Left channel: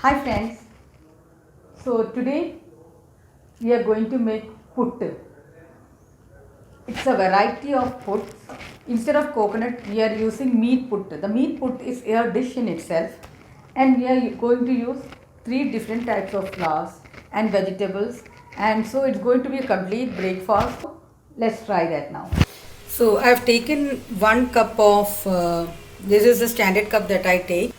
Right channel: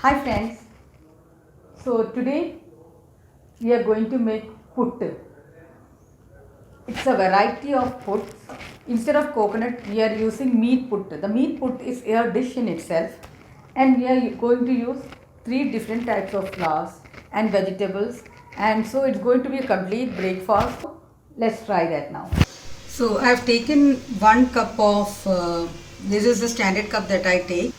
Hi friends, so today we are going to make puttu. It's a variety of puts. Instead of coconut, we are using meat puttu. The meat put is a dish in itself, and we are going to use three different types of flours and vegetables, and so it's going to be a complete breakfast. Let's try that now. So I have taken 1 cup of this is the standard cup that I take.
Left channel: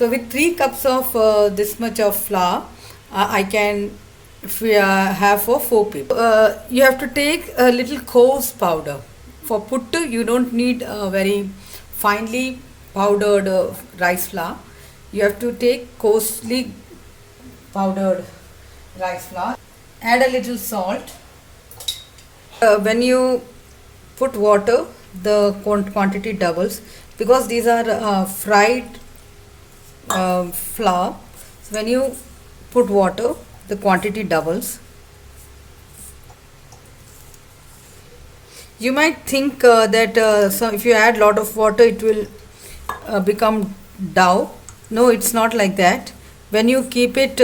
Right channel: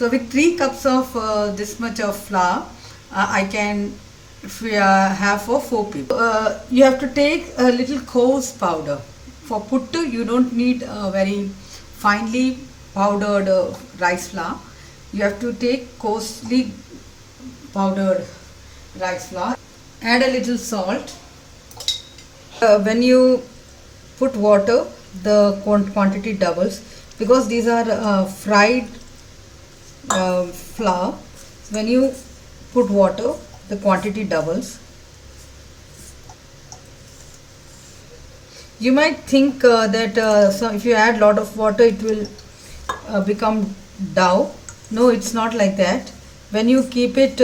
So with 3 cups of this much of flour, I can have for 4 people. You have to take a little coarse powder. For puttu, you don't need a very finely powdered rice flour. You have to take coarsely powdered rice flour. Add a little salt. When you put water, the quantity doubles because these are fried flour. So when you put water, the quantity doubles. You might think that if you add lot of water, it will become dough. No, it's not like that. When you keep it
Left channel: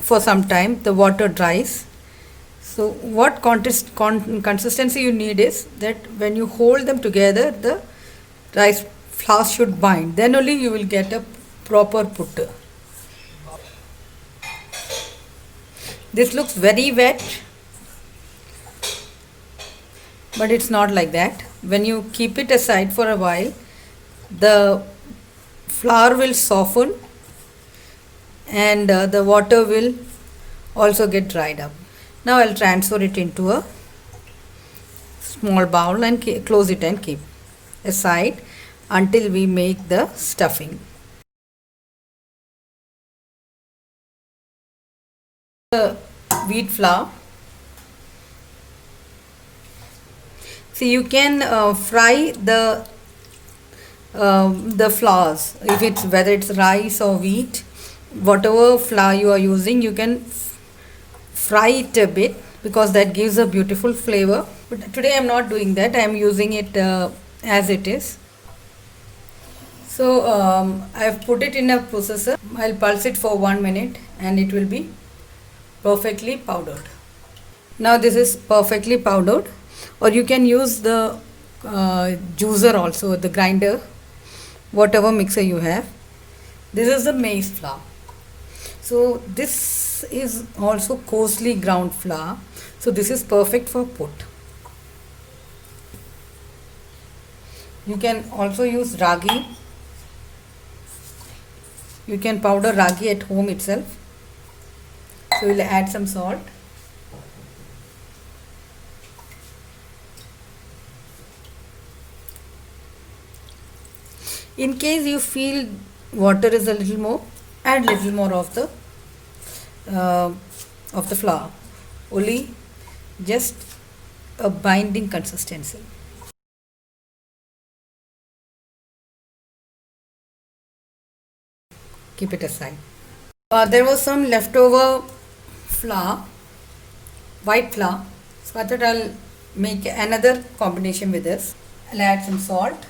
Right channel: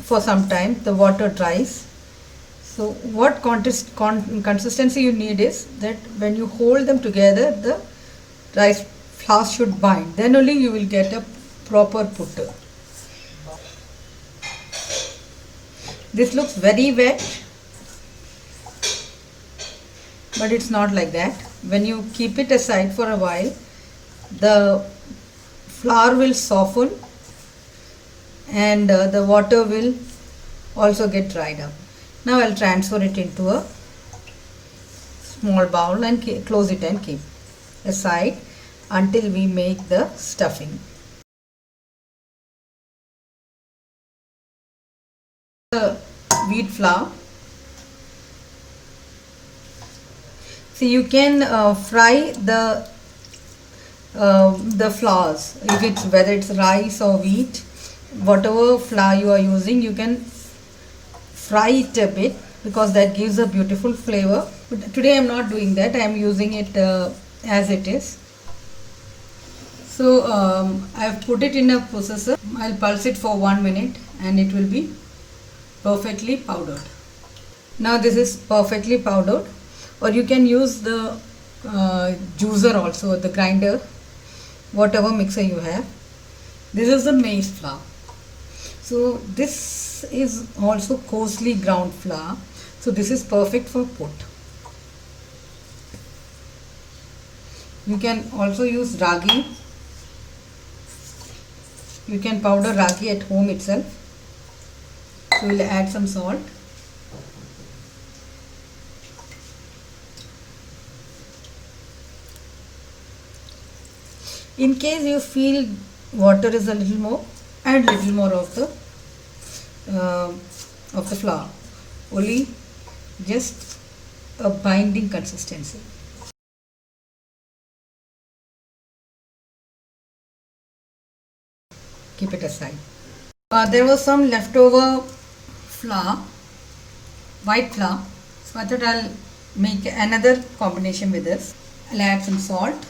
for some time, the water dries. So what consistency you need is that when you hold them together, the rice flour should bind. Then only you will get a proper puttu. This looks very wet, but it's not like that. When you keep it aside for a while, the flour will soften and the water will also get dried up. Now I'll transfer it into a small bowl and close it and keep aside until we make the stuffing. The wheat flour. See, you can fry the flours. If it's whether it's rice or wheat, whatever flour you are using, you can fry it a bit because that gives a beautiful flavor. But today I'm not doing that. I'm using it as it is. So I've put it in a processor. I'll pulse it for 1 minute and it will be perfectly powdered. Now this is perfectly powdered, or you can use the juicer also, the grinder, whatever mixer you have. This is the maize flour. So this is also coarsely ground flour. So this is perfect for put. You can also use ragi. You can powder ragi at home itself. So we'll add some salt. In case you feel water is a little more, add little more of the flour. Only just a binding consistency. Keep it aside. There was some leftover flour, white flour. So I thought I'll make another combination with this. I'll add some salt.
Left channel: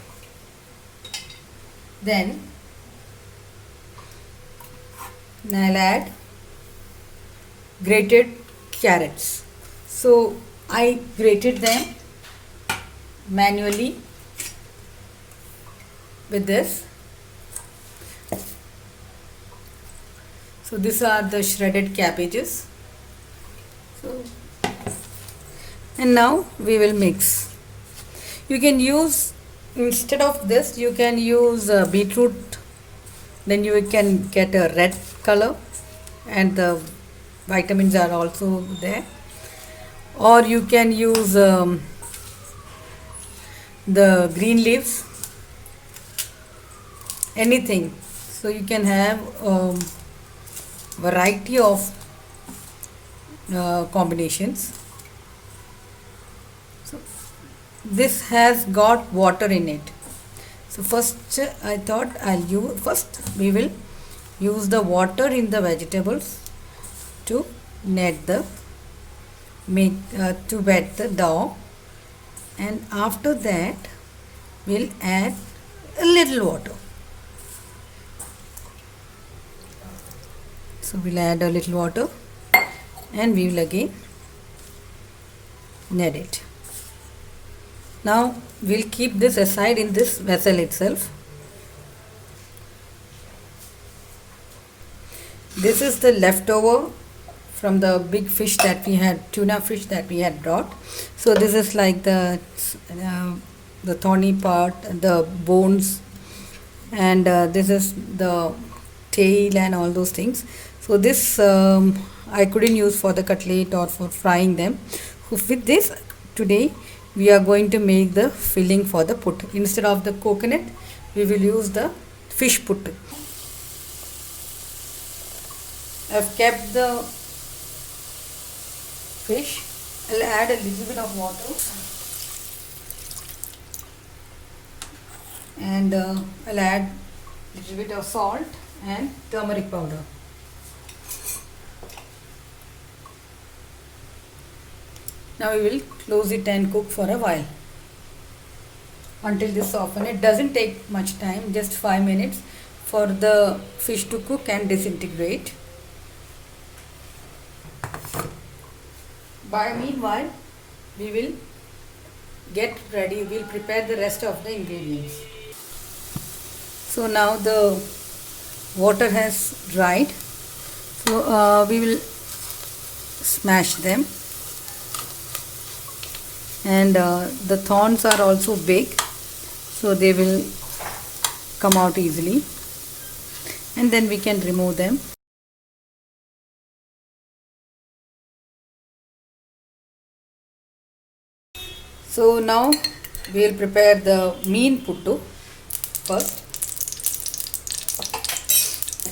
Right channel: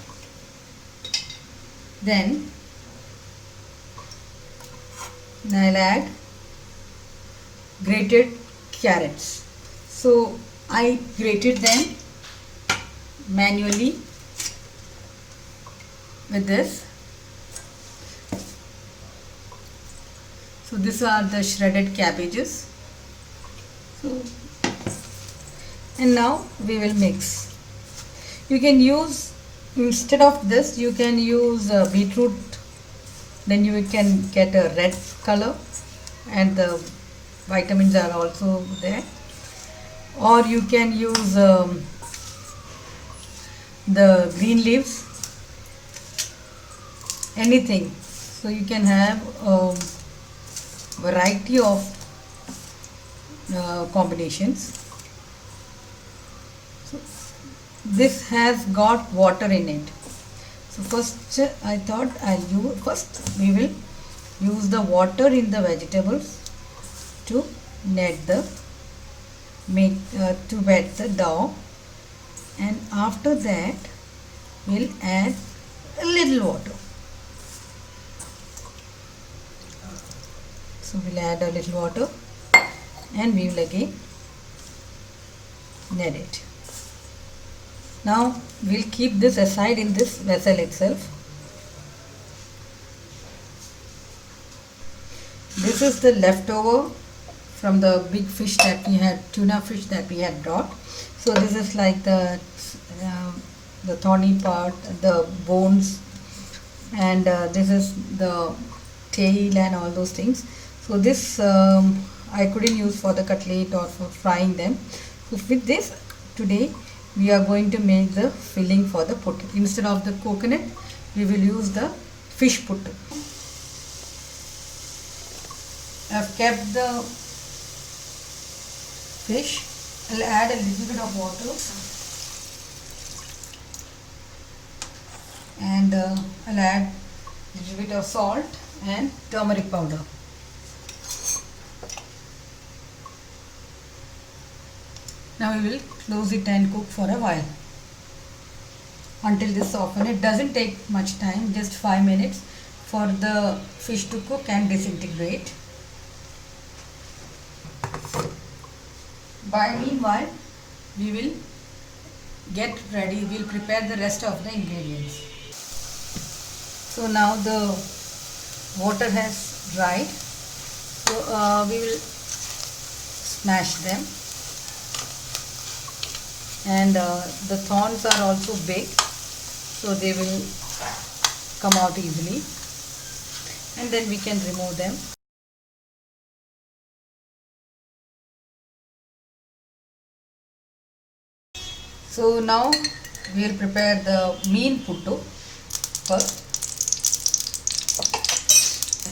Then I'll add grated carrots. So I grated them manually with this. So these are the shredded cabbages. So, and now we will mix. You can use, instead of this, you can use beetroot. Then you can get a red color and the vitamins are also there. Or you can use the green leaves, anything. So you can have variety of combinations. So this has got water in it. So first I thought we will use the water in the vegetables to net the to wet the dough, and after that we'll add a little water. So we'll add a little water and we will again knead it. Now we'll keep this aside in this vessel itself. This is the leftover from the big fish that we had, tuna fish that we had brought. So this is like the thorny part, the bones, and this is the tail and all those things. So this I couldn't use for the cutlet or for frying them. So with this today we are going to make the filling for the put. Instead of the coconut we will use the fish put. I've kept the fish. I'll add a little bit of water and I'll add a little bit of salt and turmeric powder. Now we will close it and cook for a while until this softens. It doesn't take much time, just 5 minutes for the fish to cook and disintegrate. By meanwhile, we will get ready, we'll prepare the rest of the ingredients. So now the water has dried, so we will smash them, and the thorns are also big, so they will come out easily, and then we can remove them. So now we will prepare the mean puttu first.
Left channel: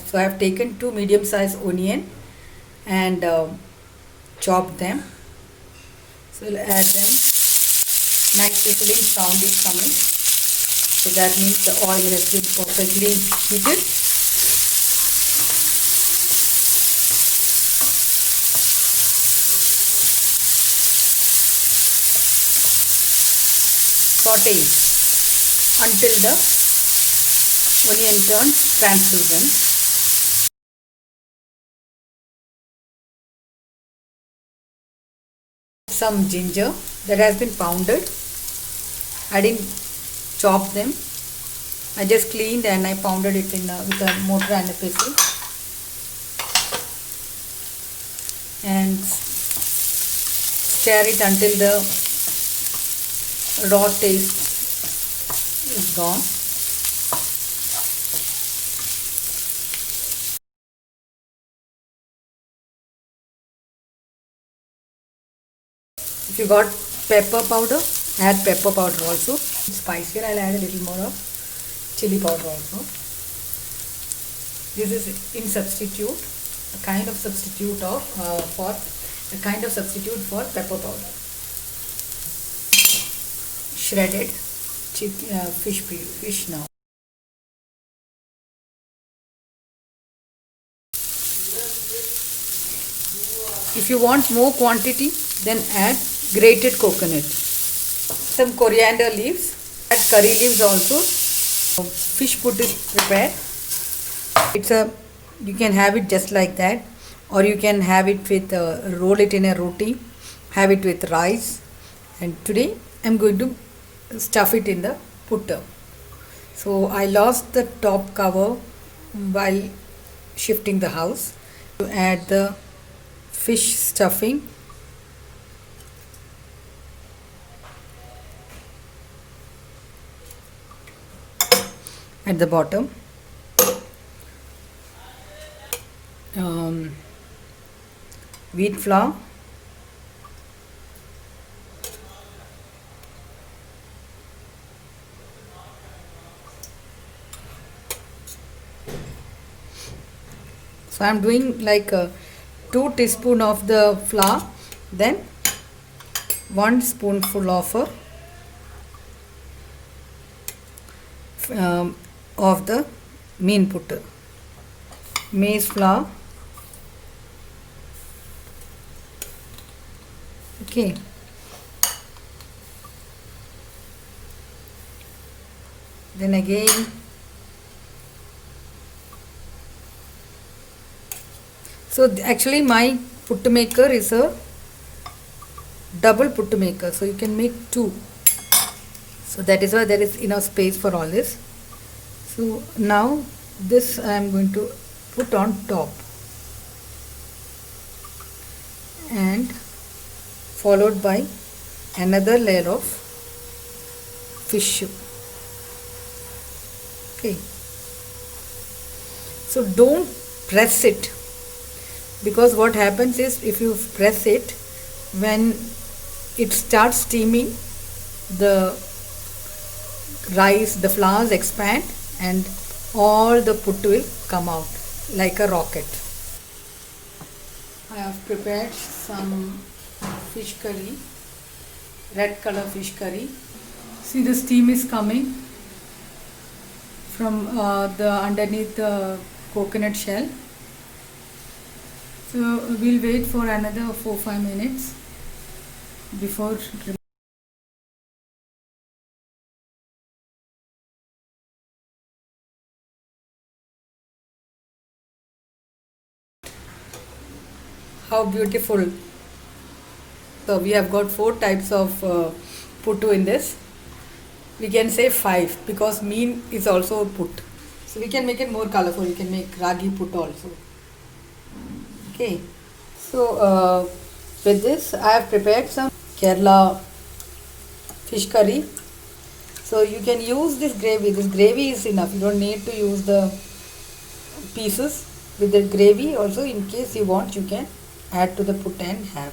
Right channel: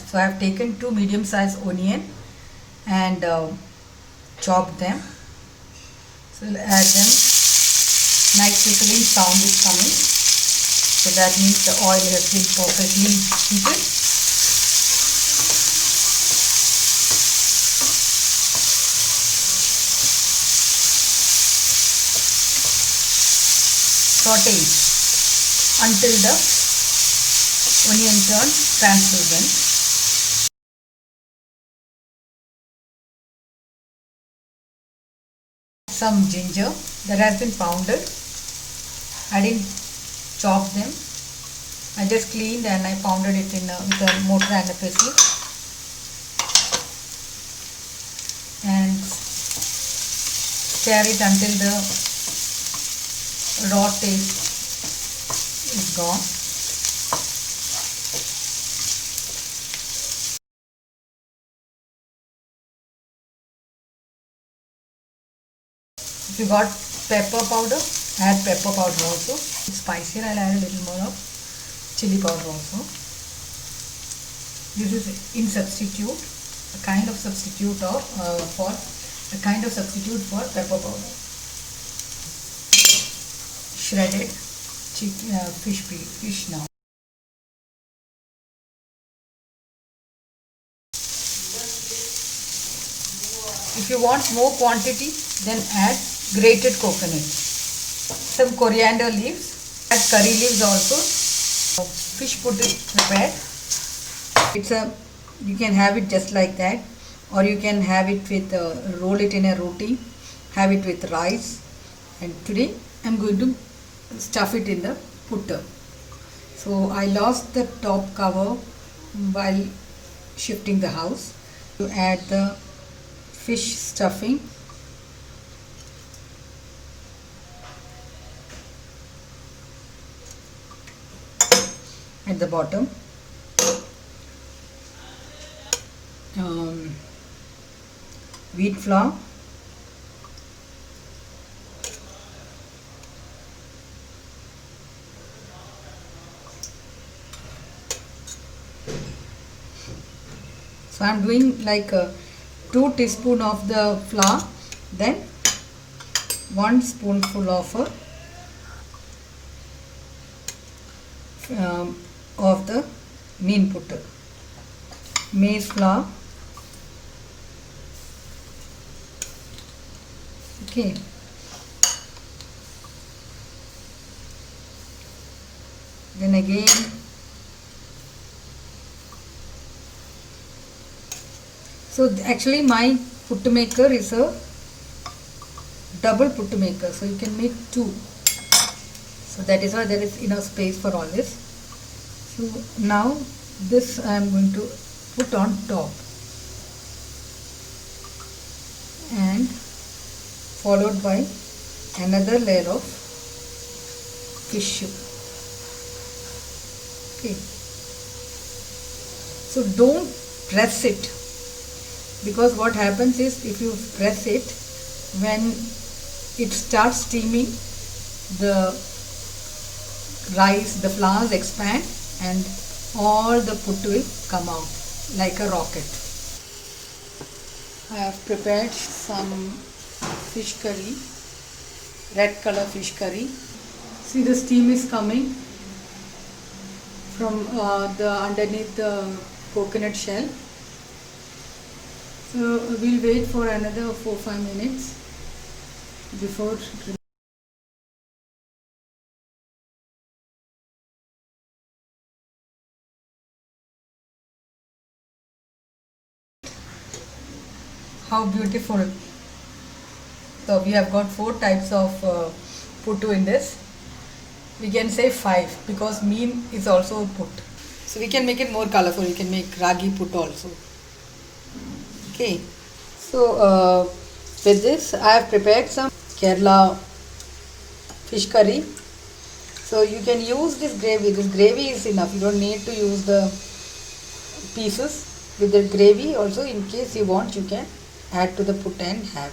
So I have taken 2 medium-sized onion and chopped them. So we'll add them. Nice whistling sound is coming. So that means the oil has been perfectly heated. Saute until the onion turns translucent. Some ginger that has been pounded. I didn't chop them. I just cleaned and I pounded it with a mortar and a pestle. And stir it until the raw taste is gone. If you got pepper powder, add pepper powder also. Spicier, I'll add a little more of chili powder also. This is in substitute, a kind of substitute of for pepper powder. Shredded fish now. If you want more quantity, then add grated coconut, some coriander leaves, add curry leaves also. Fish put is prepared. You can have it just like that, or you can have it with roll it in a roti, have it with rice. And today I'm going to stuff it in the putta. So I lost the top cover while shifting the house. To add the fish stuffing. At the bottom, wheat flour, so I'm doing like 2 teaspoons of the flour, then 1 spoonful of the mean puttu, maize flour. Okay. Then again So actually my puttu maker is a double puttu maker, so you can make two. So that is why there is enough space for all this. So now this I am going to put on top and followed by another layer of fish. Okay. So don't press it, because what happens is if you press it, when it starts steaming, the rice, the flowers expand and all the puttu will come out like a rocket. I have prepared some fish curry, red color fish curry. See, the steam is coming from the underneath the coconut shell. So we'll wait for another 4-5 minutes before. How beautiful. So we have got 4 types of puttu in this. We can say 5 because mean is also put. So we can make it more colorful. We can make ragi put also. Okay. So with this I have prepared some Kerala fish curry. So you can use this gravy. This gravy is enough. You don't need to use the pieces. With the gravy also, in case you want, you can add to the put and have.